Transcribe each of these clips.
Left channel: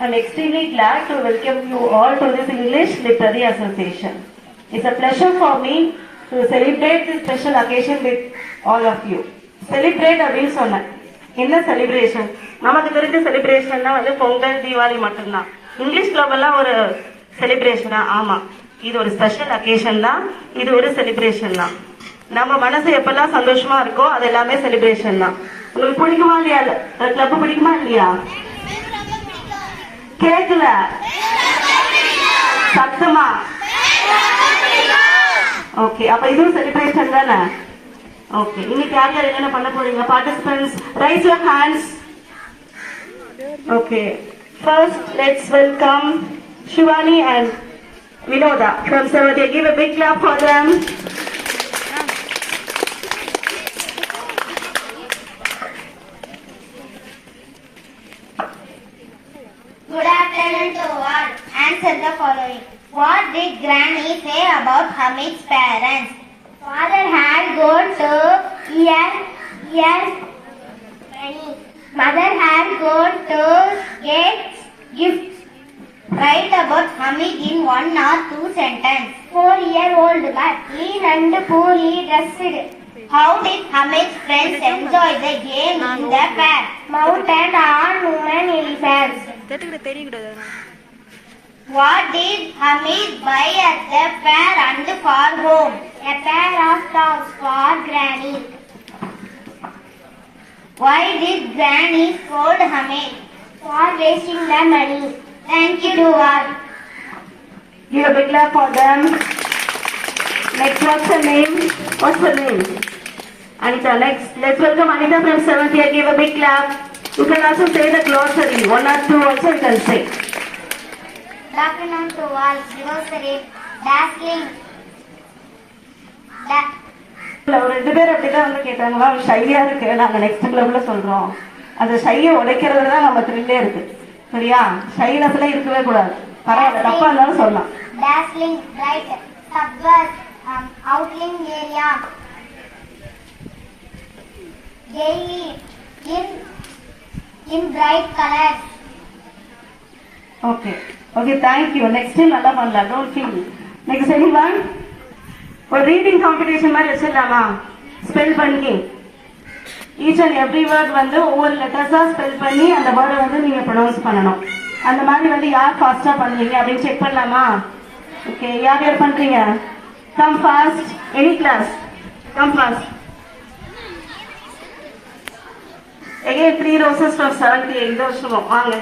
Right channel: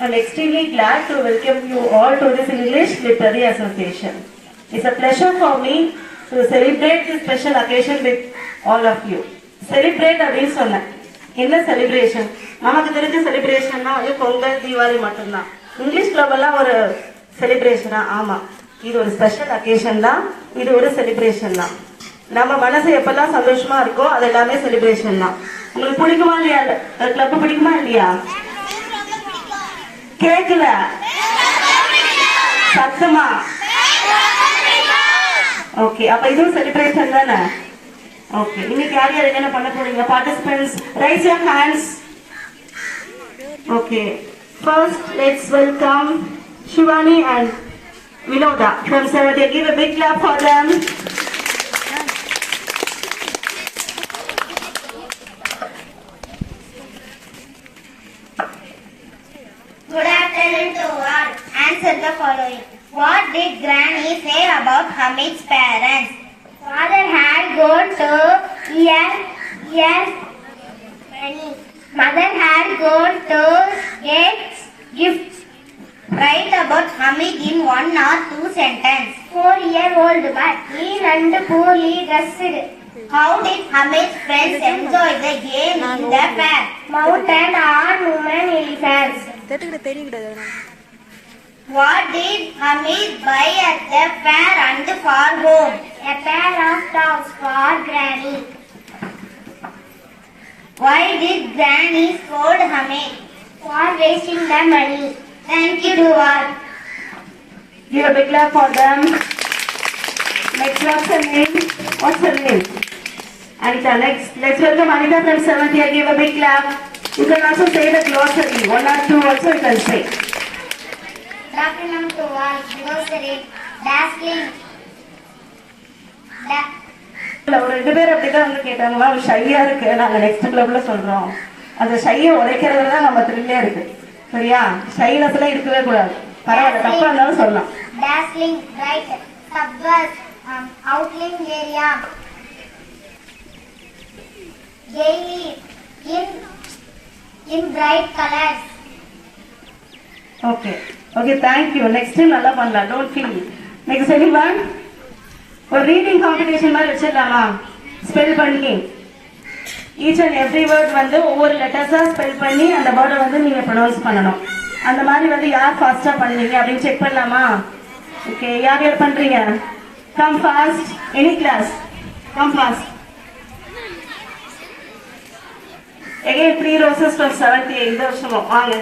I'm extremely glad to welcome you all to this English Literary Association. It's a pleasure for me to celebrate this special occasion with all of you. Celebrate அப்படின்னு சொன்னேன். என்ன celebration? நமக்கு தெரிஞ்ச செலிப்ரேஷன்னா வந்து பொங்கல் தீபாவளி மட்டும்தான். English கிளப்லாம் ஒரு செலிப்ரேஷனா? ஆமா, இது ஒரு ஸ்பெஷல் அக்கேஷன் தான். இது ஒரு செலிப்ரேஷன் தான். நம்ம மனசு எப்பெல்லாம் சந்தோஷமா இருக்கோ அது எல்லாமே செலிப்ரேஷன் தான். உங்களுக்கு பிடிக்குமா இல்லையா? கிளப் பிடிக்குமா இல்லையா? கேட்கல, சத்தமா. ஓகே, அப்ப இதுவும் செலிப்ரேஷன் தானே? ஓகே, இன்னைக்கு யார் யார் என்னென்ன பண்ண போறீங்க? Participants raise your hands. Okay, first let's welcome Shivani and Vinoda from Sevadia. Give a big clap for them. Good afternoon to all. Answer the following. What did Granny say about Hamid's parents? Father had gone to earn money. Mother had gone to get gifts. Write about Hamid in 1 or 2 sentences. 4-year-old but lean and poorly dressed. How did Hamid's friends enjoy the game in the fair? Mountain on women elephants. What did Hamid buy at the fair and for home? A pair of socks for Granny. Why did Granny scold Hamid? For wasting the money. Thank you to all. Give a big clap for them. Next, what's her name? What's her name? Anita. Next, let's welcome Anita from 7th year. Give a big clap. You can also say the glossary. 1 or 2 also you can say. Good afternoon to all. Glossary. Dazzling. ஒரு 2 பேர் அப்படிதான் வந்து கேட்டாங்களா, ஷையா இருக்கு, நாங்க next கிளப்ல சொல்றோம். அந்த ஷையை உடைக்கிறதுல தான் நம்ம த்ரில்லே இருக்கு. சரியா? ஷைனஸ் எல்லாம் இருக்கவே கூடாது. பரவாயில்ல, தப்பா இருந்தாலும் சொல்லலாம். Dazzling, bright, subverse, outlying area, gaily, in bright colors. Okay okay, thank you. Next time நல்லா பண்ணலாம். Don't feel. நெக்ஸ்ட் எனிவன் ஒரு ரீடிங் காம்படிஷன் மாதிரி வச்சிடலாமா? ஸ்பெல் பண்ணி ஈச் அண்ட் எவ்ரி வேர்ட் வந்து ஒவ்வொரு லெட்டர்ஸா ஸ்பெல் பண்ணி அந்த வேர்டை வந்து நீங்க ப்ரொனவுன்ஸ் பண்ணணும். அந்த மாதிரி வந்து யார் ஃபாஸ்டா பண்ணுவீங்க அப்படின்னு செக் பண்ணலாமா? ஓகே, யார் யார் பண்றீங்க? Come fast. Any class come fast. Again 3 roses from 7th year. இந்த வருஷமும் வாங்க.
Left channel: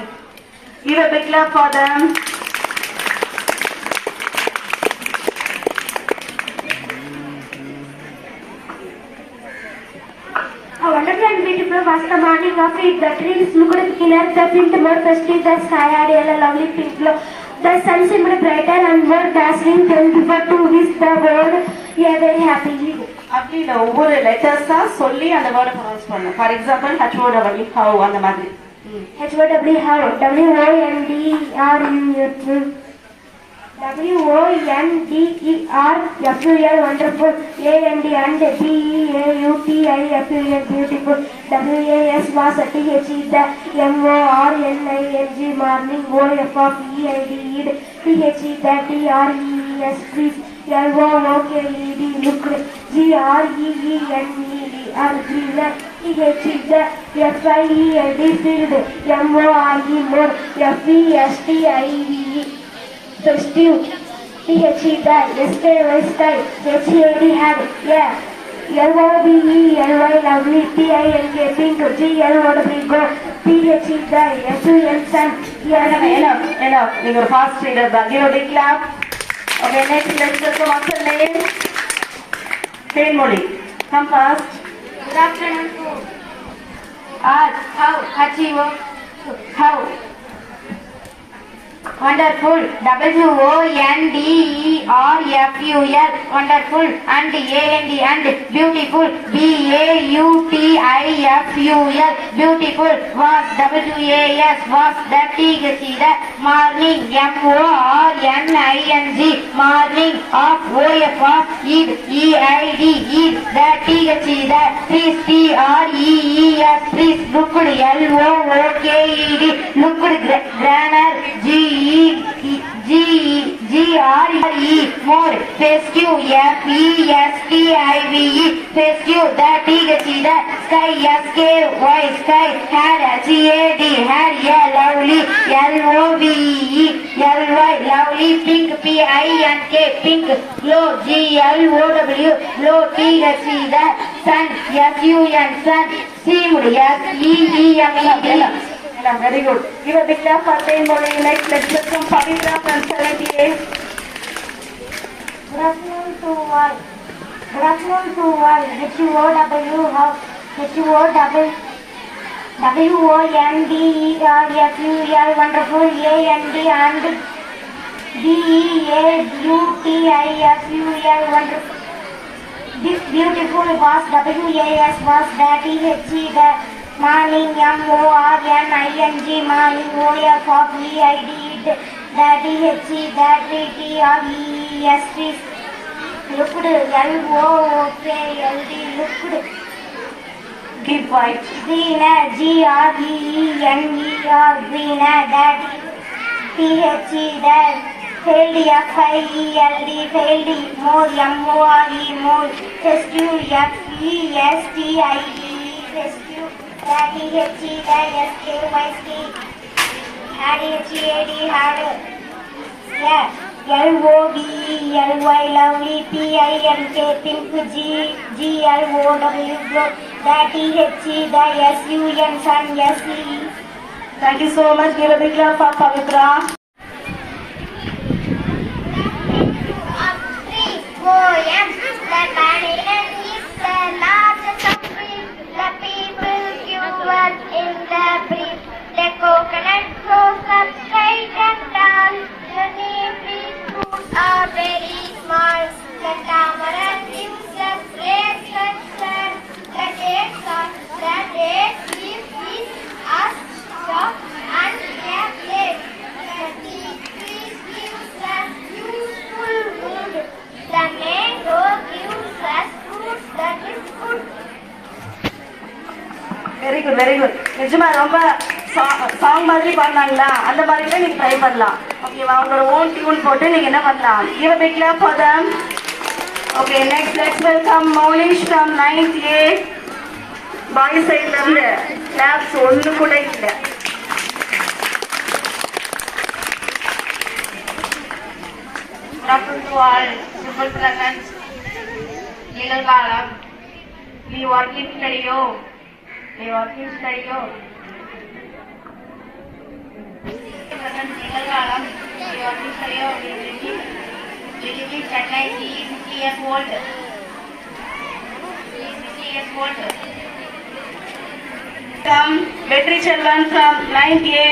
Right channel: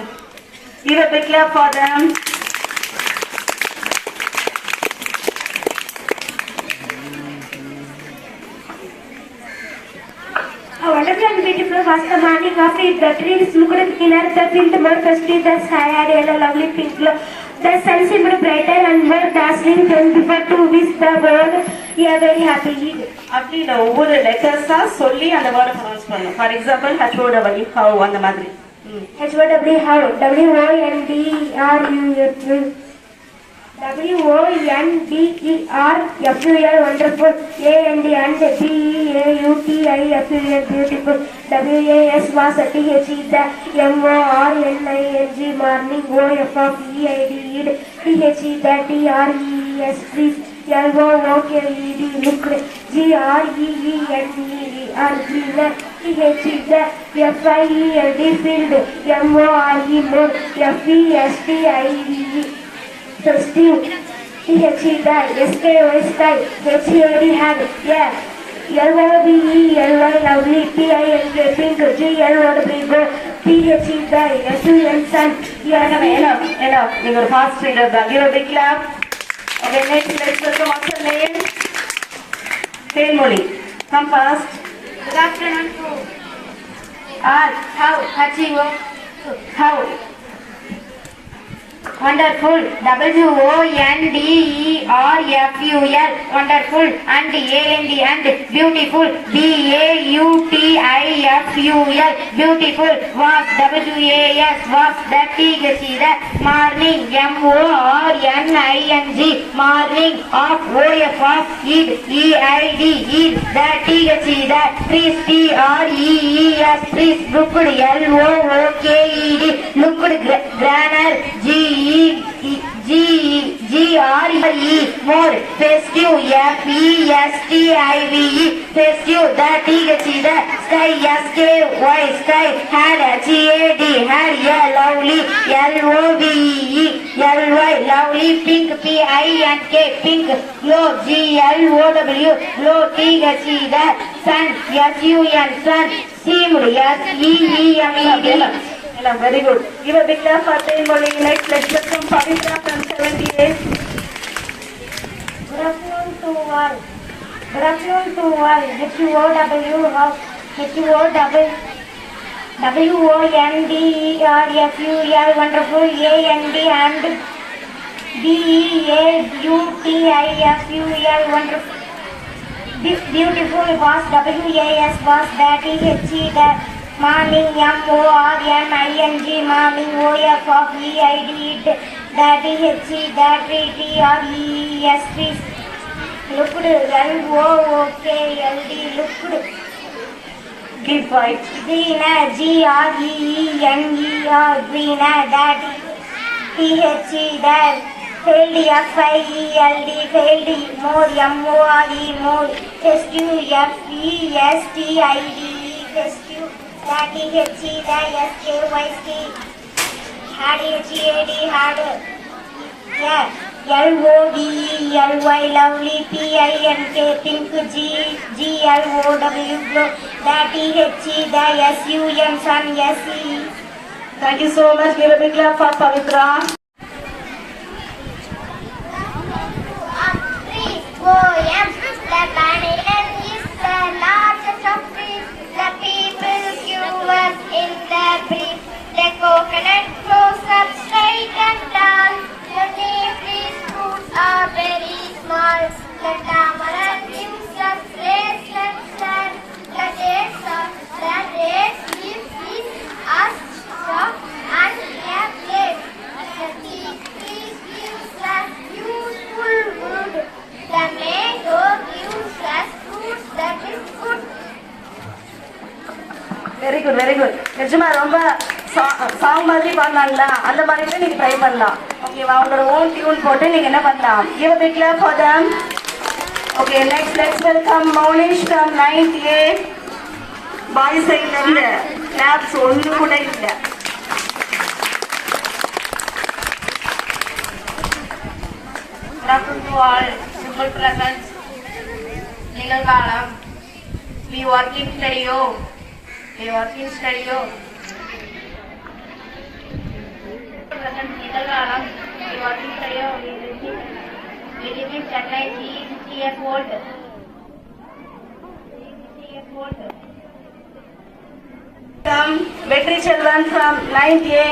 Give a big clap for them. A wonderful and beautiful was the morning of it. The trees looked greener, the wind more festive, the sky had a lovely pink glow. The sun seemed brighter and more dazzling than before to wish the world a very happy Eid. அப்படி இல்லை, ஒவ்வொரு லெட்டர்ஸா சொல்லி அந்த வேர்டை pronounce பண்ணு. For example HOW, have, அந்த மாதிரி. HOW, how, WONDERFUL, WONDERFUL, wonderful, AND and BEAUTIFUL, beautiful, WAS was THE, the MORNING, morning, OFFEID, THE, the TREES, trees, LOOKED, looked, GREENER, greener, THE, the FIELD, field, MORE, more, FESTIVE, festive, THE, the SKY, sky, HAD, had, yeah, LOVE, LY, lovely, PINK, pink, GLOW, go, THE, the SUN, sun, enough. நீங்க ஒரு fast reader தான். Give a big clap. Okay, next let's welcome what's her name? Thenmozhi. Come fast. Good afternoon to how, how, wonderful, WONDERFUL, wonderful, and AND beautiful, BAUTIFUL, beautiful, was WAS, was the THE, the morning, MORNING, morning, of OF, EID, EID, the THE, the trees, TREES, trees, looked, LOOKED, looked, granite, Spare, G-E-G-R-E, more, festive, F-E-S-T-I-V-E, festive, the T-H-E, the sky, S-K-Y, sky, had, G-A-D, had, yeah, lovely, L-O-V-E, L-Y, lovely, pink, P-I-N-K, pink, glow, G-L-O-W, glow, T-H-E, the sun, S-U-N, sun, seemed, S-E-E-M-E-D. Very good. Give a big clap for pain bowling. Next, let's welcome Pavitra from 78. Good afternoon to all. Good afternoon to all. H-U-O-W, W-O-N-D-E-R-F-U-L, wonderful, A-N-D and B-E-A-U-T-I-F-U-L, wonderful. Beautiful was W-A-S was that E-H-E, that morning, M-O-R-N-I-N-G, morning, O-F-O-V-I-D, that E-H-E, that T-R-E-S-T, looked, L-O-O-K-L-D, looked. Keep quiet. Greener, G-R-E-E-N-E-R, greener, that T-H-E, that failed, F-I-E-L-D, failed, more, M-O-R-E, more, festive, F-E-S-T-I-V-E, festive, that T-H-E, that S-K-Y-C, had, H-E-A-D, had, yeah, L-O-V-E-L-Y, lovely, P-I-N-K, pink, G-L-O-W, glow, that T-H-E, that S-U-N, sun, S-E. Thank you so much. Give a big clap for Pavitra. 3 poems. The banyan is the largest of trees. The people queue up in the breeze. The coconut grows up straight and tall. The neem trees fruits are very small. The tamarind gives us grapes like sand. The dates leaves is as soft and yet. The teak tree gives us useful wood. The mango gives us fruits that is good. Very good very good. நிஜமா ரொம்ப song மாதிரி பாடினாங்களா, அந்த மாதிரி கூட நீங்க try பண்ணலாம். ஓகேவா? அவங்களோட ஓன் டியூன் போட்டு நீங்க என்ன பண்ணலாம்? Give a big clap for them. Okay, next let's welcome Maulish from 9th A. பாய் சைடுல இருந்து கிளாப்ஸ் ஒண்ணு கூட இல்ல. Welcome to all simple presents. Nilalgalam. We work in studio. Present Nilalgalam. We work in studio. We live in Chennai. He is 50 years old. Come, Vetri Chelvan from 9th A.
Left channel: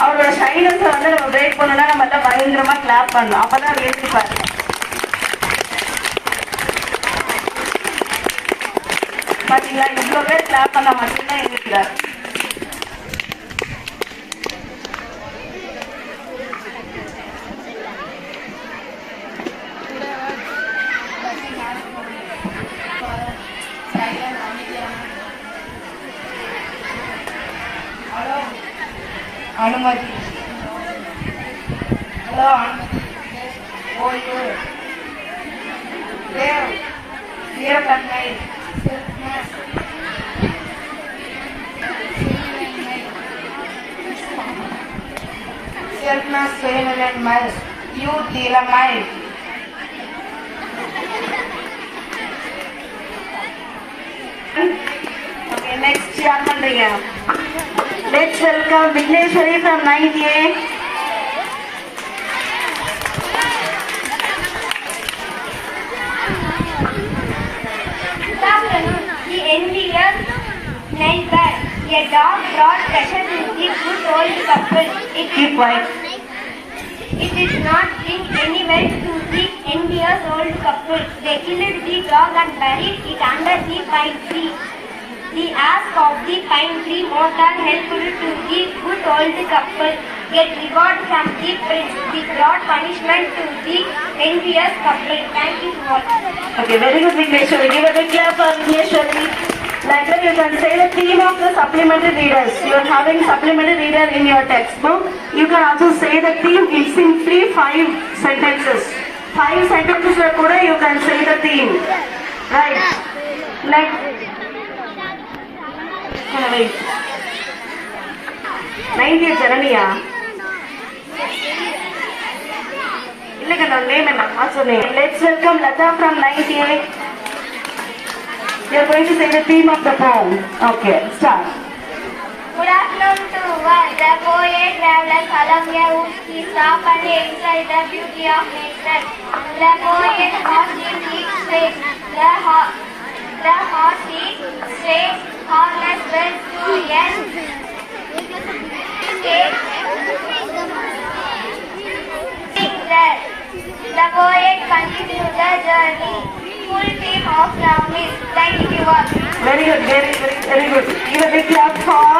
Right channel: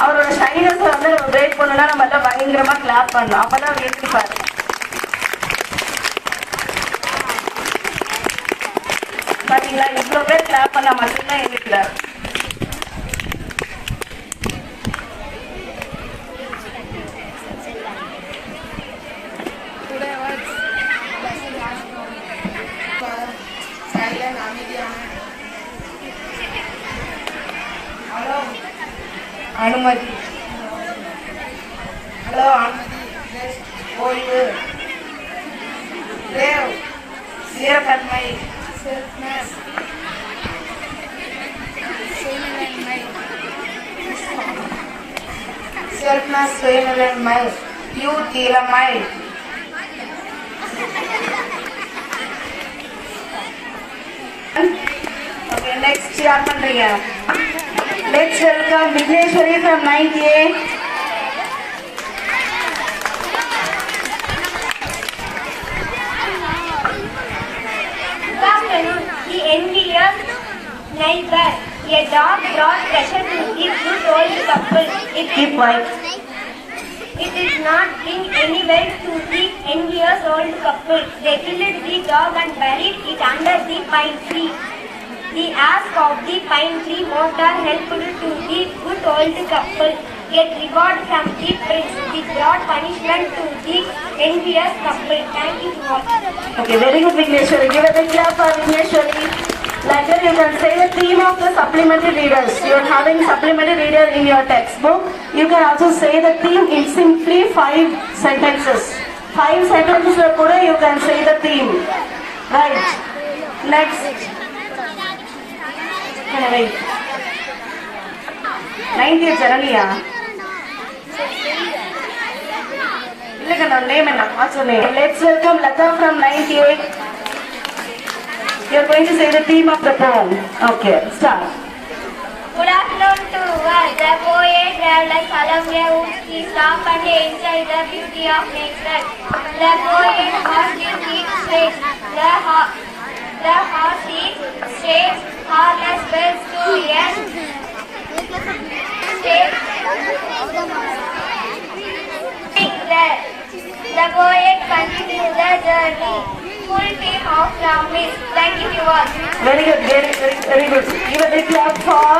அவரோட shyness வந்து நம்ம break பண்ணா நம்ம எல்லாம் பயங்கரமா clap பண்ணலாம். அப்பதான் எழுதிப்பாரு. பாத்தீங்களா, இவ்வளவு பேர் கிளாப் பண்ணா மட்டும்தான் எழுதிக்கிறார். Hello. அனுமதி. ஹலோ அனுமதி. ஓய்வு. தேவ். சீரத்தன்மை. செல்ஃப்னஸ். சுயநிலைமை. யூத் இளமை. Okay, next யார் பண்றீங்க? Let's welcome Vigneshwari from 9th A. Good afternoon. The envious neighbor. A dog brought pressure to the good old couple. Keep quiet. It did not bring any wealth to the envious old couple. They killed the dog and buried it under the pine tree. The ask of the pine tree mortar helped to the good old couple get reward from the prince. He brought punishment to the envious couple. Thank you all. Okay, very good Vigneshwari. Give a big clap for Vigneshwari. Like that, you can say the theme of the supplementary readers. You are having supplementary reader in your textbook. You can also say the theme in simply 5 sentences. 5 sentences kuda you can say the theme. Right. Next. Wait. 90th Jananiya. Let's welcome Lata from 98. You are going to say the theme of the poem. Okay, start. Good afternoon to all. The poet traveled along the woods. He stopped and enjoyed the beauty of nature. The poet was in each place. The horse is straight, harness bells to end. The poet continued the journey. Full team of promise. Thank you all. Very good, very good. Give a big clap for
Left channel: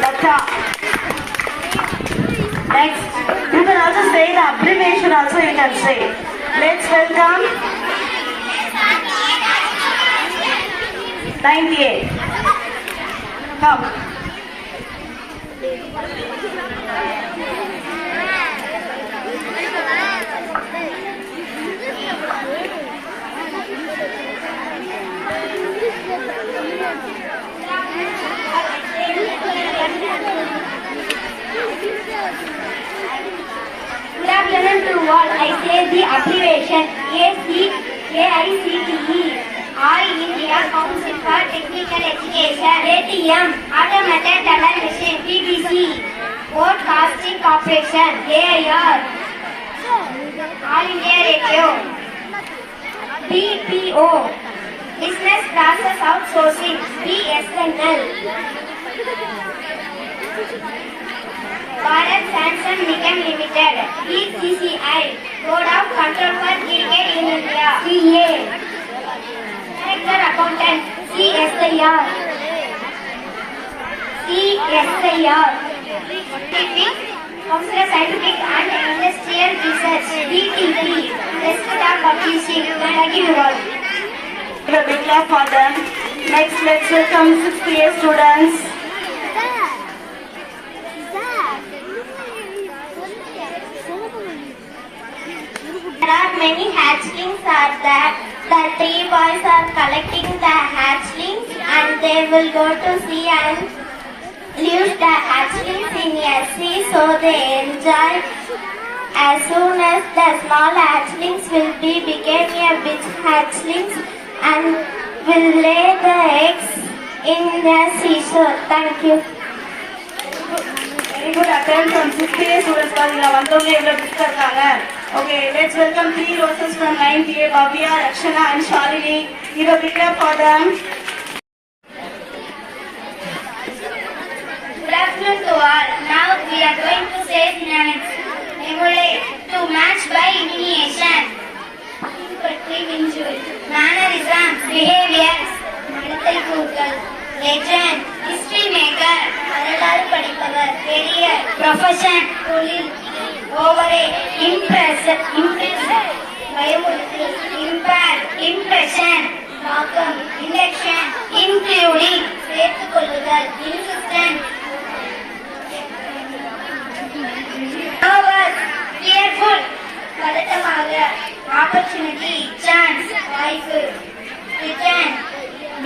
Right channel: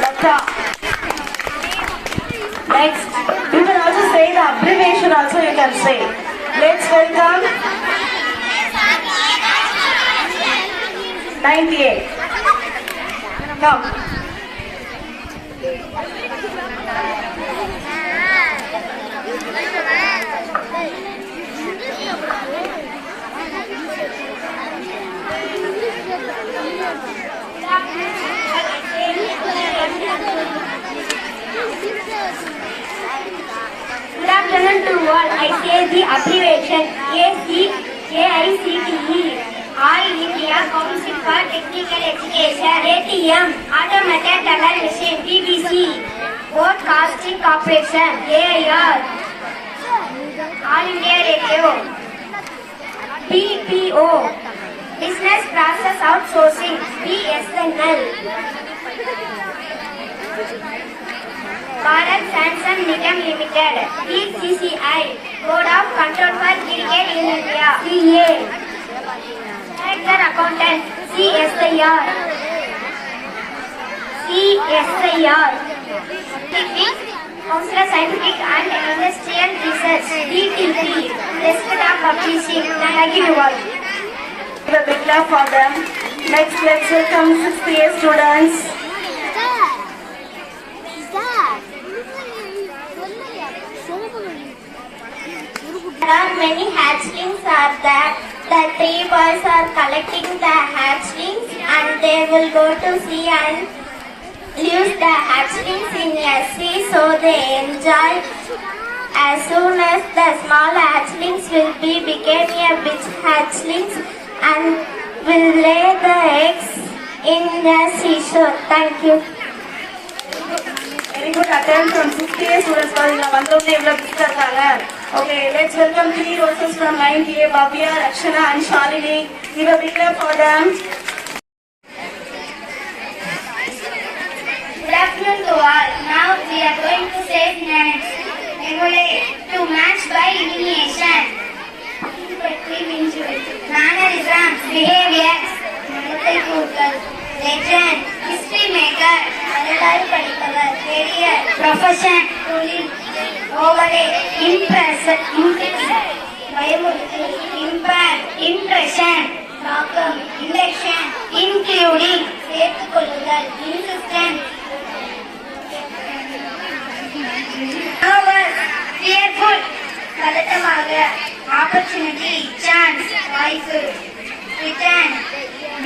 Lata. Next, you can also say the abbreviation also you can say. Let's welcome 98. Come. Good afternoon to all. I say the abbreviation AICTE. All India Council for Technical Education. ATM. Automated Teller Machine. BBC. Broadcasting Corporation. AIR. All India Radio. BPO. Business Process Outsourcing. BSNL. Bharat Sansan Nigam Limited, BCCI, Board of Control for Cricket in India, CA, Director Accountant, CSIR, Council of Scientific and Industrial Research, DTP, Desktop Publishing, Thank you all. Give a big clap for them. Next, let's welcome 6th students. There are many hatchlings are there. The 3 boys are collecting the hatchlings and they will go to sea and leave the hatchlings in a sea so they enjoy. As soon as the small hatchlings will be became a big hatchlings and will lay the eggs in the seashore. Thank you. Very good attempt from 6th students. Okay, let's welcome 3 roses from 9th Bhavya, Rakshana and Shalini. Give a big clap for them. Good afternoon to all. Now we are going to say names. Emulate, to match by elimination. Mannerisms, behaviors. Medical Google. Legend, history maker. வரலாறு படிப்பவர். Career, profession. தொழில். Overrate, பயமுறுத்து. Impact, impression. தாக்கம், election, including. சேர்த்துக் கொள்ளுதல். Insistent. Nervous, fearful. பதட்டமாக. Opportunity, chance, வாய்ப்பு. Return,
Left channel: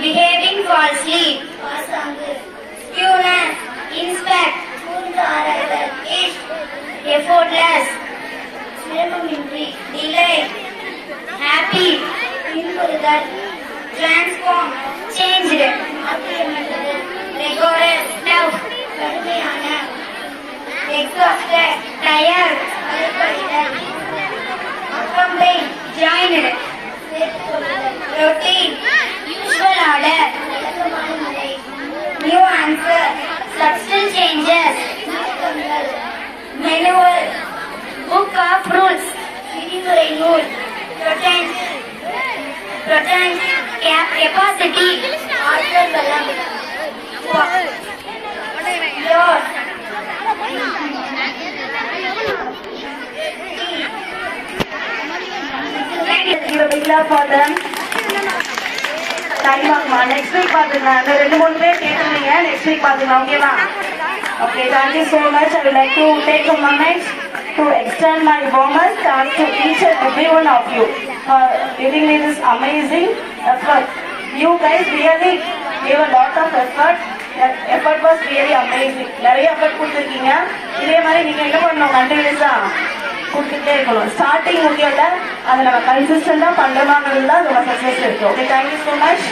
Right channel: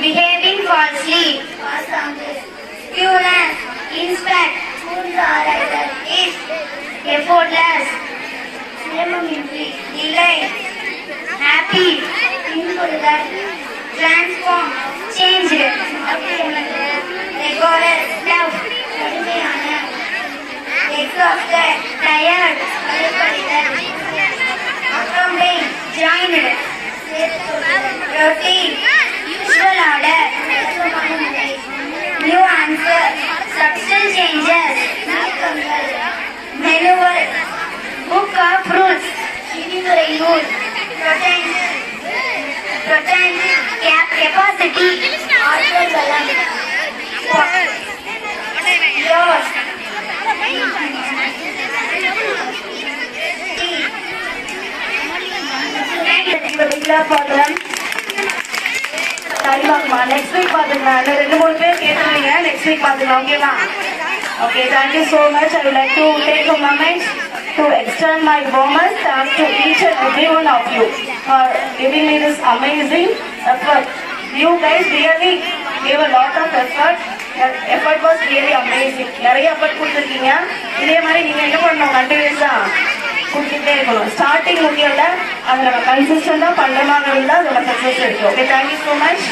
behaving falsely. பாசாங்கு. Skewness, inspect. கூர்ந்து ஆராய்தல். If, effortless. சிரமமின்றி. Delay, happy. பின்புறுதல். Transform, changed. மாற்றியமைத்தல். Rigorous, love. கடுமையான. Exhausted, tired. அலைப்படைதல். Accompany, joined. Routine, usual order. வழக்கமான முறை. New answer, subtle changes. நீக்கங்கள். Manual, book of rules. விதிமுறை நூல். Protect, capacity. ஆற்றல் வளம். Yours. Give a big clap for them. Time ஆகுமா? Next week பாத்துக்கலாம். இன்னும் 2-3 பேர் கேட்டிருந்தீங்க. நெக்ஸ்ட் வீக் பாத்துக்கலாம். ஓகேவா? Okay, thank you so much. I would like to take a moment to extend my warmest thanks to each and every one of you for giving me this amazing effort. You guys really gave a lot of effort. That effort was really amazing. நிறைய effort கொடுத்துருக்கீங்க. இதே மாதிரி நீங்க என்ன பண்ணணும்? கண்டினியூஸா கொடுத்துட்டே இருக்கணும். ஸ்டார்டிங் முக்கியம் இல்லை, அதை நம்ம கன்சிஸ்டண்டா பண்றோமாங்கிறது தான் நம்ம சக்சஸ் இருக்கு. Okay, thank you so much.